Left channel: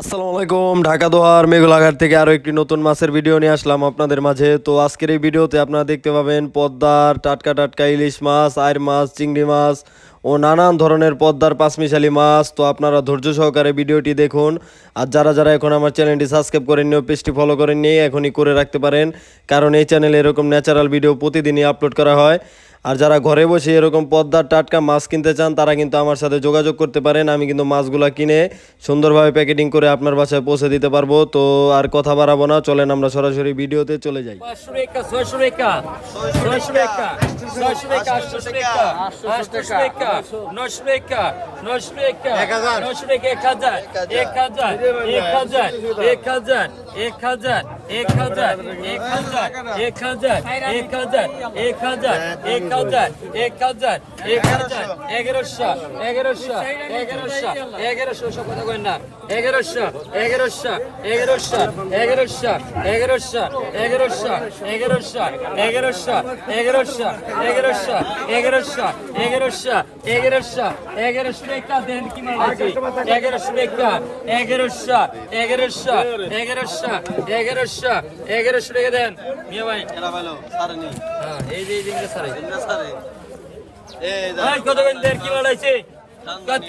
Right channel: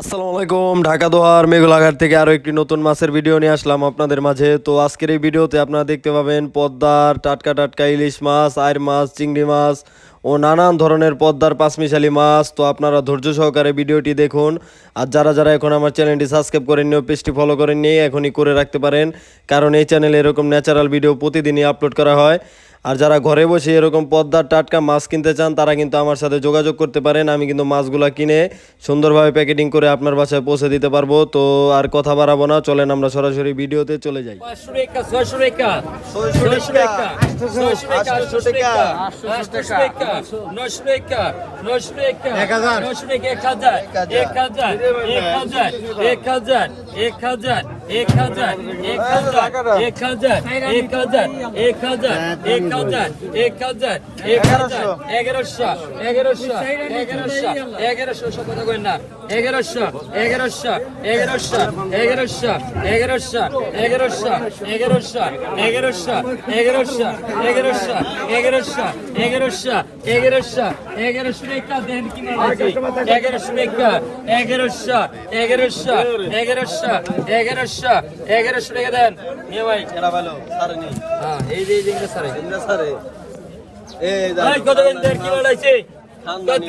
আসসালামু আলাইকুম, ঢাকা দোহার মেঘলাঘাট থেকে আরও একটি নতুন মাছের ভিডিও নিয়ে আসলাম আপনাদের মাঝে। তো আজকের এই ভিডিওতে আপনারা দেখতে পাবেন পদ্মার টাটকা টাটকা ইলিশ মাছ আয়ের মাছ, চিংড়ি মাছ ও নানান ধরনের পদ্মার পাঁচমিশালি মাছ। তো আপনারা ধৈর্য সহকারে ভিডিওটি দেখুন। আর যারা যারা এখন আমার চ্যানেলটি সাবস্ক্রাইব করেননি ও পেজটি ফলো করেননি, এখনই করে রাখতে পারেন। কারণ এই চ্যানেলে এরকম ন্যাচারাল ভিডিও প্রতিদিনই আপলোড করা হয়। আর যারা ঘরে বসে এরকম পদ্মার টাটকা মাছ কিনতে চান তারা কিন্তু আমার সাথে যোগাযোগ করতে পারেন। আমি কিন্তু মাছগুলা কিনে সুন্দরভাবে প্যাকেটিং করে আপনার বাসায় পৌঁছে দিতে পারব। তো আর কথা বাড়াবো না চলেন আমরা সরাসরি ভিডিওতে চলে যাই। Shureka, só shureka, só shureka, só एक हजार एक हजार एक हजार एक हजार एक हजार एक हजार एक हजार एक हजार এগারোশো এগারোশো এগারোশো এগারোশো এগারোশো কথা কই না ek hazar, ek hazar, ek hazar, ek hazar, ek hazar, ek hazar, এগারোশো এগারোশো এগারোশো এগারোশো সব কথা কই না এগারোশো এগারোশো এগারোশো এগারোশো এগারোশো এগারোশো এগারোশো এগারোশো এগারোশো এগারোশো এগারোশো এগারোশো এগারোশো এগারোশো টাকা দেন কি মারছি এগারোশো টাকা এগারোশো এগারোশো এগারোশো এগারোশো এগারোশো টাকা দেন নিয়ে ভাই এরা ভালো সারে নি হ্যাঁ এই যে এই যে স্যার সারে এই আর কত কেন্দ্রের কি লড়াইছে কত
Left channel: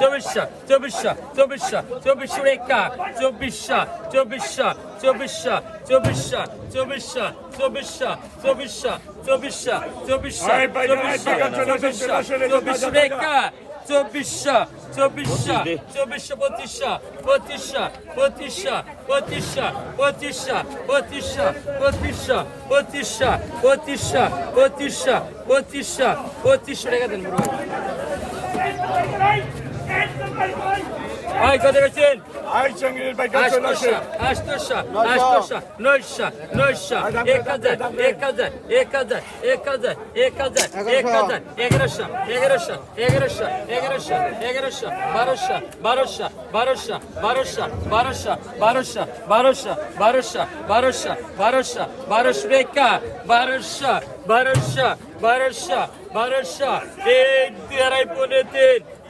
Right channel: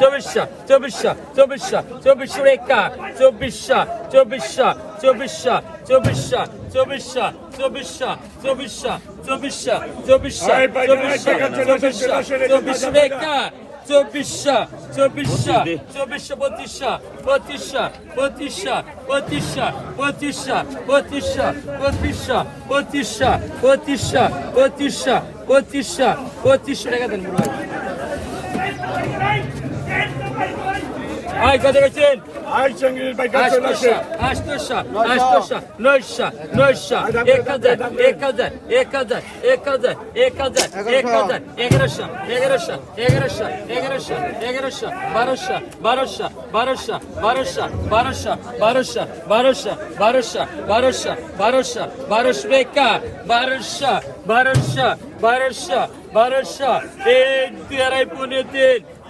চব্বিশশো চব্বিশশো চব্বিশশো চব্বিশশো রেখা চব্বিশশো চব্বিশশো চব্বিশশো চব্বিশশো চব্বিশশো চব্বিশশো চব্বিশশো চব্বিশশো চব্বিশশো চব্বিশশো চব্বিশশো রেখা চব্বিশশো চব্বিশশো চব্বিশশো পঁচিশশো পঁচিশশো পঁচিশশো পঁচিশশো পঁচিশশো পঁচিশশো পঁচিশশো পঁচিশশো পঁচিশশো পঁচিশশো পঁচিশশো পঁচিশশো টাকা দেন বুড়ো ভাই কত গেছেন আই সঙ্গীর ভাই কাছে আটশোশো আটশোশো আটশোশো নয়শো নয়শো এক হাজার এক হাজার এক হাজার এক হাজার এক হাজার এক হাজার এগারোশো এগারোশো এগারোশো এগারোশো এগারোশো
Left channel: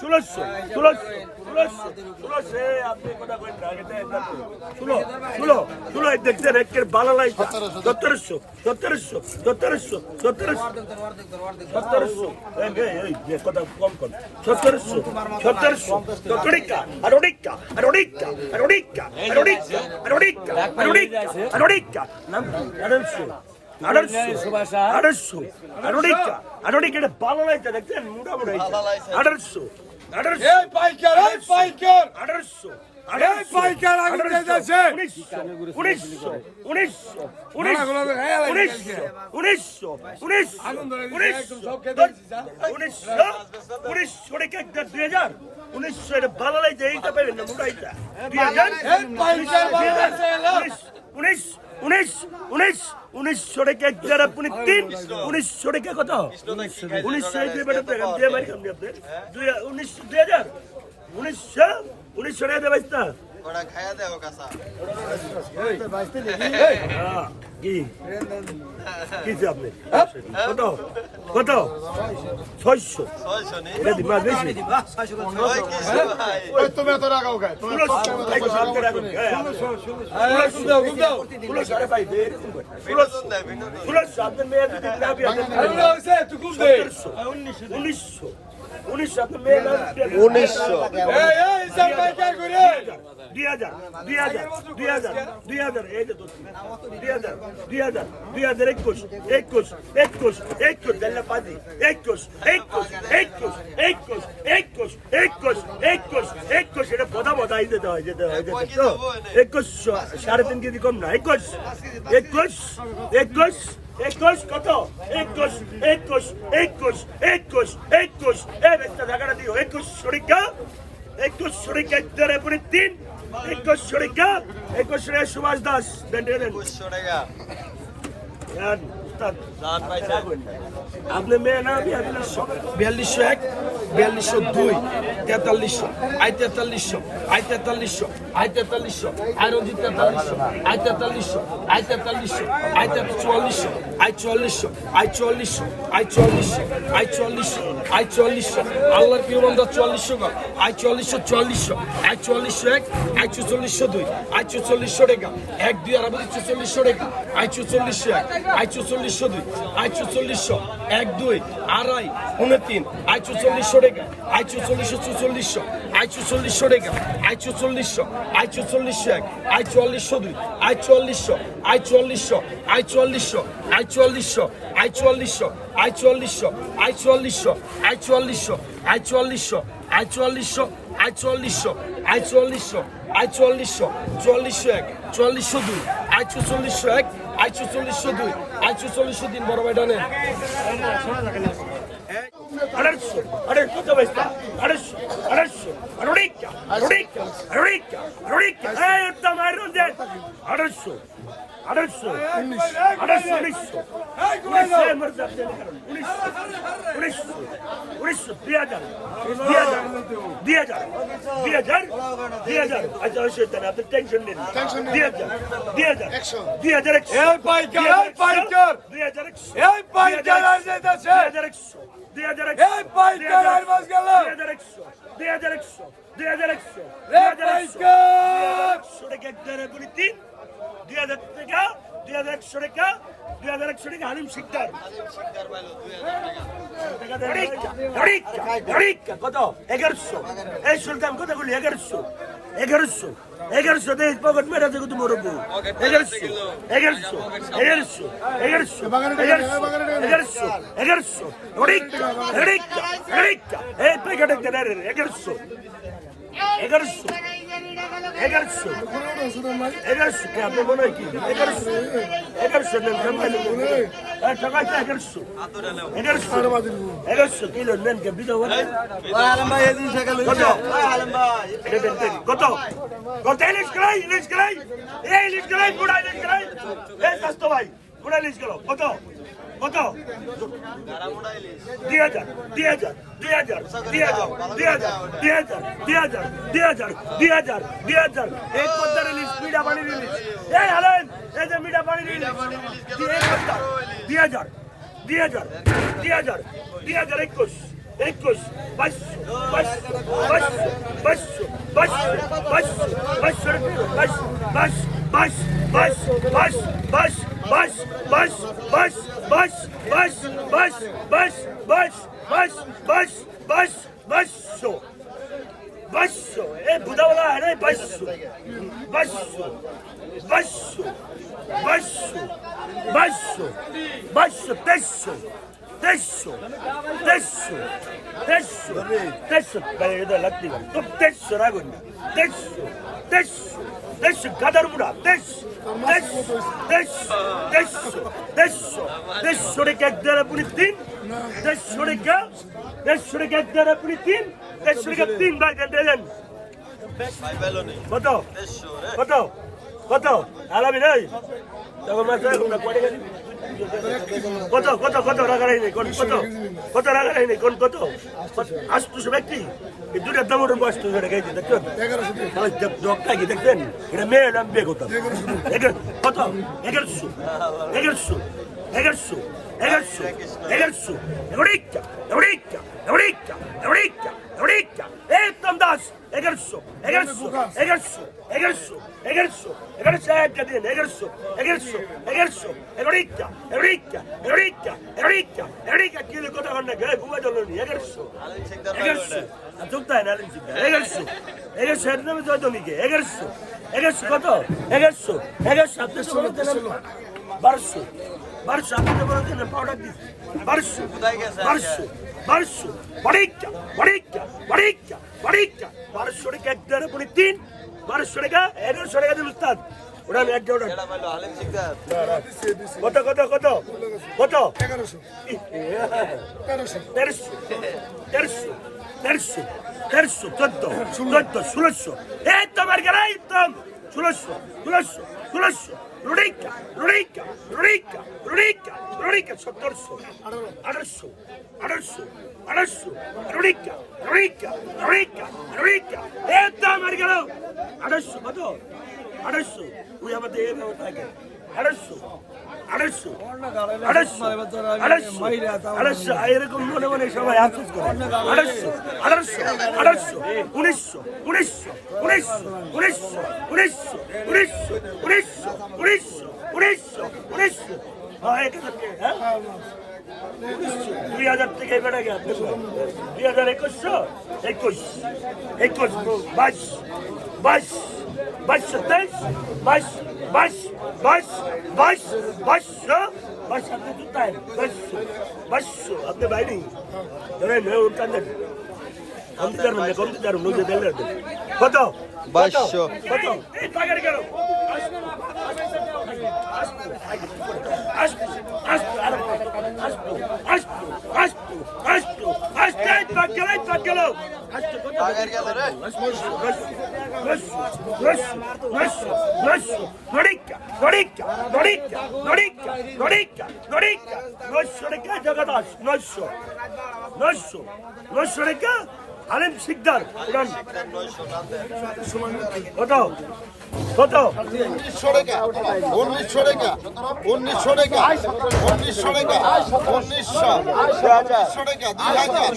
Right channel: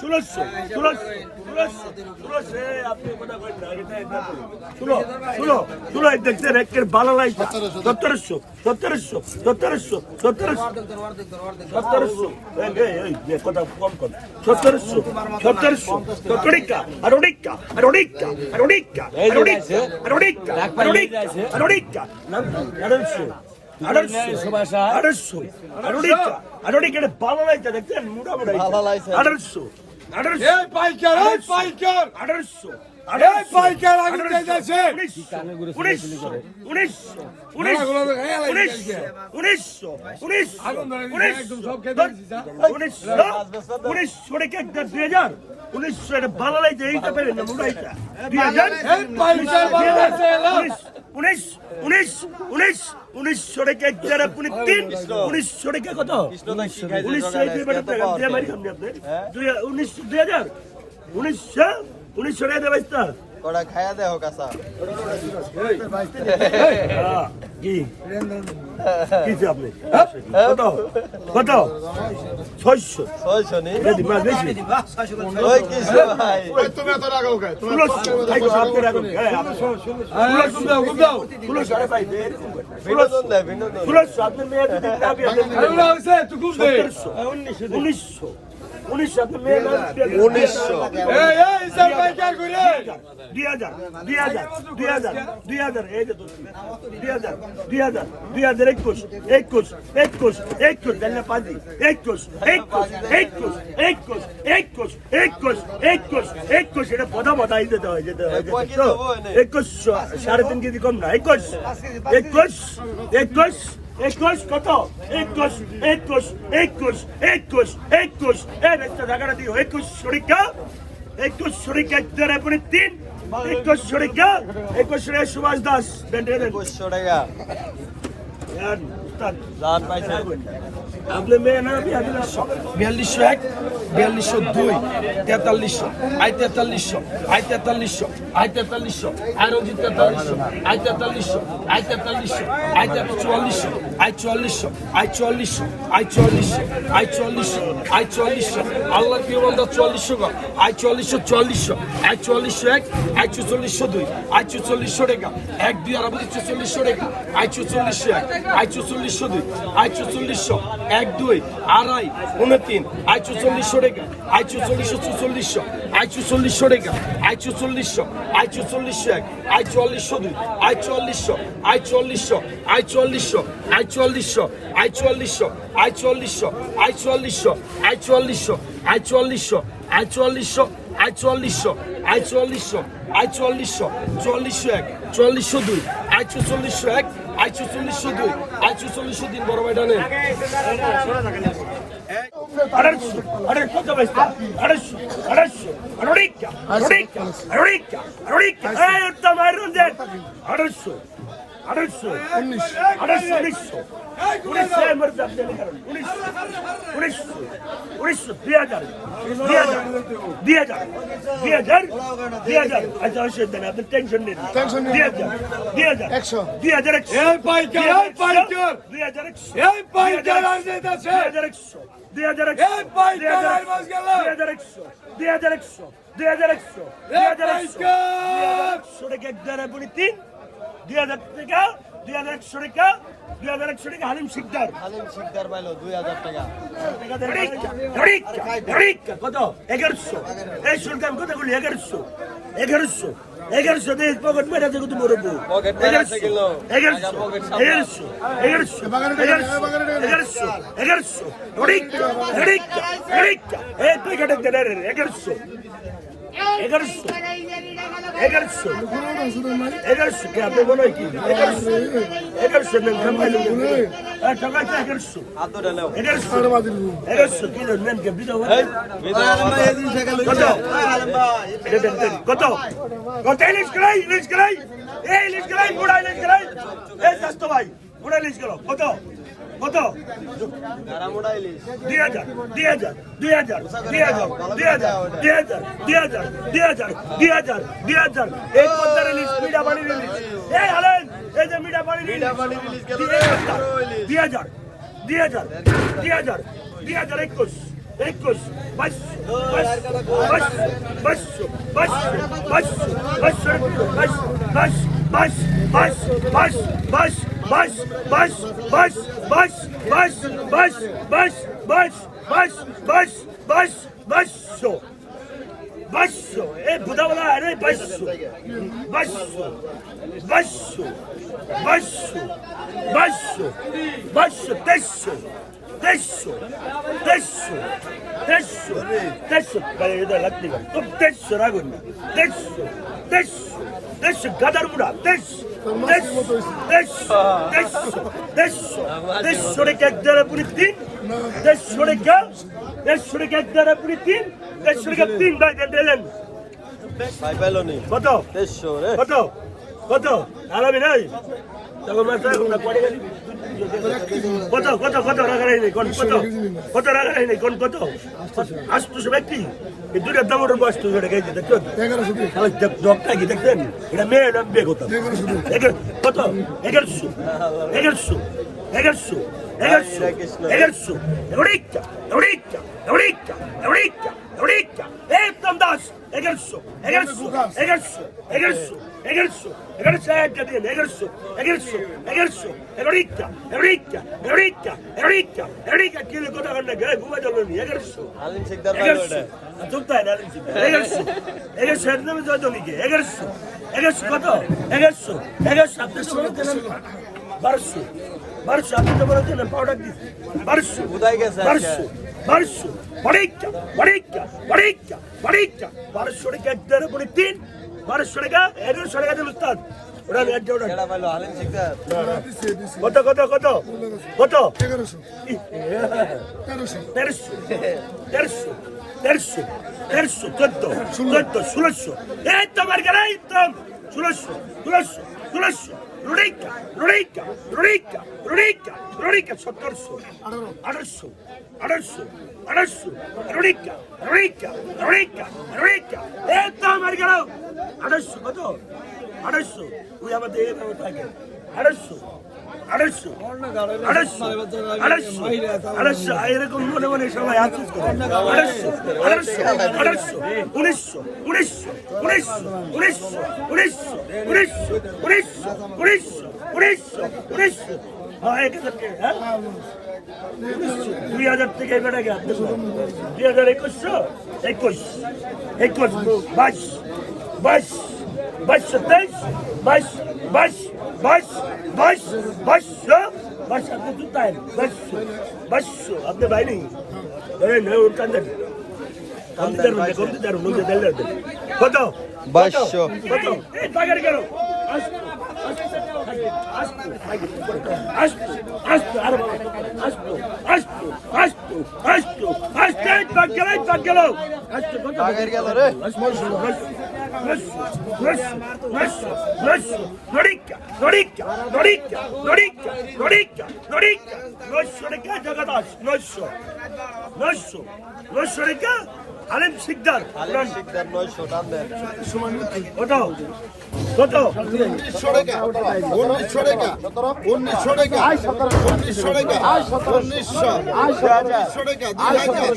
ষোলোশো ষোলোশো ষোলোশো ষোলোশো আপনি কথা কইবেন আড়াইশো আর অনেকটা আর অনেকটা দেখছেন মোটামুটি আড়াইশো আঠারোশো। উনিশশো। ভালো লাগছে এইটা পেলেন উনিশশো। উনিশ উনিশ উনিশ উনিশশো টাকা যারা আপনি তিন উনিশশো টাকা কত উনিশশো দুই হাজার উনিশশো উনিশশো টাকা দেবাইশ ওটা খায়া দেও কাঁচা কি কিছু আপনি কত উনিশশো উনিশশো উনিশশো দুই হাজার দুই হাজার দুই হাজার দুই হাজার এই যে। দুই দুই হাজার দুই হাজার একুশ একুশ একুশ একুশ পাঁচি একুশ একুশ একুশ একুশ একুশ একুশ একুশ একুশ এটা পদা পদা এই যেতে হয় যেতে হয় হয়। সাড়ে তিন কেজি কম না একুশ একুশ একুশ একুশ কত একুশ একুশ একুশ একুশ একুশ এই একটা টাকাটা দিও একুশ শরিকা একুশ শরিকা পুরি তিন একুশরে সুভাষ দাস আপনি মেয়ে না বিয়াল্লিশ বিয়াল্লিশশো দুই, তেতাল্লিশশো, আই তেতাল্লিশশো আই তেতাল্লিশশো আই তেতাল্লিশশো, আই রঞ্জিত তেতাল্লিশশো, আই তেতাল্লিশশো আই তেতাল্লিশশো, আই চুয়াল্লিশশো আই চুয়াল্লিশশো আই চুয়াল্লিশশো আই চুয়াল্লিশশো আই চুয়াল্লিশশো আই চুয়াল্লিশশো, আল্লাহ কি বলতো চুয়াল্লিশশো গা? আই চুয়াল্লিশশো চুয়াল্লিশশো, আই চুয়াল্লিশশো এক, আই চুচল্লিশশো দুই, আই চুচল্লিশশো রেখা এক দুই আর আমাদের চুচল্লিশশো রেখা আই চুচল্লিশশো এক, আই চুচল্লিশশো দুই, আই চুচল্লিশশো এক দুই, আড়াই পনেরো তিন আই চুচল্লিশশো রেখা আই চুচল্লিশশো চুচল্লিশশো আই চুচল্লিশশো রেখা আই চুচল্লিশশো আই চুচল্লিশশো এক আই চুয়াল্লিশশো দুই আই চুয়াল্লিশশো আই চুয়াল্লিশশো আই চুয়াল্লিশশো আই চুয়াল্লিশশো আই চুয়াল্লিশশো আই চুয়াল্লিশশো আই চুয়াল্লিশশো এক চুয়াল্লিশশো দুই আই চুচল্লিশশো এক আই চুচল্লিশশো দুই আই চুচল্লিশশো তিন বড় ভাই ডানেন அடர்ச்சு அடர்ச்சு அடர்ச்சு அடர்ச்சு அருடிக்க அருடிக்க அருடிக்க அருடிக்க ஏத்தம் அருந்தே அடர்ச்சு அடர்ச்சு அடர்ச்சு அடர்ச்சு புலிஸ் ஏமர்ஜா புலிஸ் புலிஸ் புலிஸ் தியாதர் தியாதர் தியாதர் தியாதர் தியாதர் அஜா ஷெத்தன அப்ப டென்ஷன் இல்லை தியாதர் தியாதர் தியாதர் ஏய் பைக்கர் ஏய் பைக்கர் தியாதர் ஏய் பைக்கர் அர்ஜேதா ஷே தியாதர் দুই হাজার টাকা দুই হাজার একশো টাকা দুই হাজার একশো টাকা হালিম শিকদার হালিম শিকদার পাইলো দুই হাজার টাকা কত এগারোশো এই শুনতাম কতগুলি এগারোশো এগারোশো এগারোশো দেশ পকেট মেরা যে তুমি বউ এগারোশো এগারোশো এগারোশো এগারোশো এগারোশো এগারোশো রিক্কা রিক্কা রিক্কা এই প্যাকেট একটা এগারোশো এগারোশো। এগারোশো। এগারোশো কে আপনি মনে হয় কি? এগারোশো। এগারোশো নেন এগারোশো। এগারোশো। কিলো নেন কে বিজয়। কত? কত? ইলিশ করাই ইলিশ করাই। এই ইলিশ করাই বুড়া ইলিশ করাই। এই স্বাস্থ্য ভাই বুড়া ইলিশ করো কত? কত দুই হাজার দুই হাজার দুই হাজার দুই হাজার দুই হাজার দুই হাজার দুই হাজার দুই হাজার দুই হাজার দুই হাজার এই পদ্মার ইলিশ মিঠা পানির ইলিশ এই হালেন এই যে মিঠা পানির ইলিশ দুই হাজার দুই হাজার দুই হাজার দুই হাজার একুশ একুশ বাইশশো বাইশশো বাইশশো বাইশশো বাইশশো বাইশশো বাইশ বাইশ বাইশ বাইশ বাইশ বাইশ বাইশ বাইশ বাইশ বাইশ বাইশ বাইশ বাইশ বাইশ বাইশ বাইশ বাইশশো বাইশশো এ বুধাওয়ালা আরে baixo, baixo, baixo, deixo, deixo, deixo, deixo, deixo, galera, lati, tô deixo, rago, deixo, deixo, deixo, gadar mura, deixo, deixo, deixo, deixo, deixo, deixo, de que dera bonitin, deixo de que, deixo de que dera bonitin, deixo de que tim, vai, dentro, dentro. Vai, vai, Loni. Botou. Deixou, né? Botou. কত আলামি নাই তখন মাত্র এখন না পড়ে গেলি কত কত কত রাখা নেই কোন কত কত রাখা নেই কোন কত আসতো ব্যক্তি এই দুটা দামোর বয়স তো এটা গেছে দেখছেন ডকটা কি দেখছেন এটা মেয়ে নাম বিয়ে করতাম কত এগারোশো এগারোশো এগারোশো এগারোশো এগারোশো এগারোশো এগারোশো Eureka, Eureka, Eureka, Eureka, Vikram Das এগারোশো এগারোশো এগারোশো এগারোশো এগারোশো এগারো সাহায্য দিন এগারোশো এগারোশো এগারোশো এগারোটা এগারোটা এগারোটা এগারোটা এগারোটা কিলো কথা ঘণ্টা গায়ে ঘুমা জল নি এগারোশো এগারোশো বারোশো বারোশো আপনি তো বলেছেন পাউডার দিস বারোশো বারোশো বারোশো বাড়িকা বাড়িকা বাড়িকা বাড়িকা বারোশো টাকা এক দেড় পরে তিন। বারোশো টাকা এগারোশো টাকা দিল উস্তাদ। ওটা এক ওটা কত কত কত? কত? তেরোশো। তেরোশো তেরোশো তেরোশো তেরোশো চোদ্দ চোদ্দ ষোলোশো। এই তো আমার গেলে একদম ষোলোশো ষোলোশো ষোলোশো। rureca, rureca, rureca, rureca, rureca, sotorso, arso, arso, arso, rureca, rureca, rureca, rureca, eta margarau, arso, mato, arso, uyamate, arso, আড়াইশো আড়াইশো এরকম মনে মনে সবাই আফসোস করে আড়াইশো আড়াইশো আড়াইশো উনিশশো উনিশশো উনিশশো উনিশশো উনিশশো উনিশশো উনিশশো উনিশশো উনিশশো উনিশশো হ্যাঁ এক হাজার হ্যাঁ দুই হাজার থেকে বেড়ে গেল দুই হাজার একুশশো একুশ একুশ বাইশ বাইশ বাইশশো তেইশ বাইশ বাইশ বাইশ বাইশ বাইশশো বাইশ আপনি টাইম বাইশশো বাইশশো আপনি বাইরে ওর কান্দেন কমতে পারবেন নদী দেড় কত বাইশশো। কত এই টাকার কেন জগদাস নশো নশো নশো টাকা আলেম শিকদার কত কত? উনিশশো টাকা। উনিশশো টাকা। উনিশশো টাকা। উনিশশো টাকা। উনিশশো। উনিশশো টাকা। দুই হাজার।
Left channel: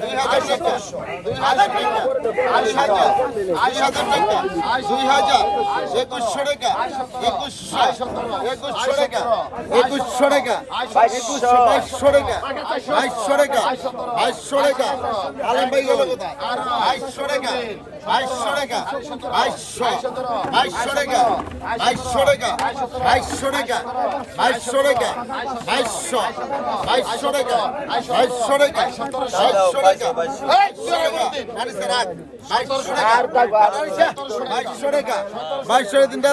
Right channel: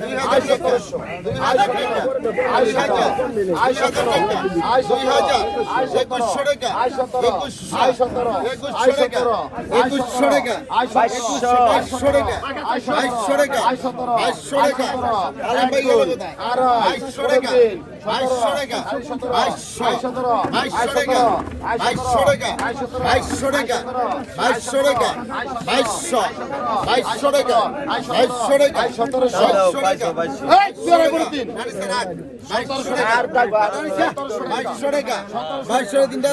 দুই হাজার টাকা। দুই হাজার টাকা। আড়াই হাজার। আড়াই হাজার টাকা। দুই হাজার। একুশশো টাকা। একুশশো। একুশশো টাকা। একুশশো টাকা। একুশশো বাইশশো টাকা। বাইশশো টাকা। বাইশশো টাকা। আলম ভাই বাইশশো টাকা। বাইশশো টাকা বাইশশো বাইশশো টাকা বাইশশো টাকা বাইশশো টাকা বাইশশো টাকা বাইশশো বাইশশো টাকা বাইশশো টাকা বাইশশো টাকা বাইশশো টাকা বাইশশো টাকা বাইশশো টাকা তিনটা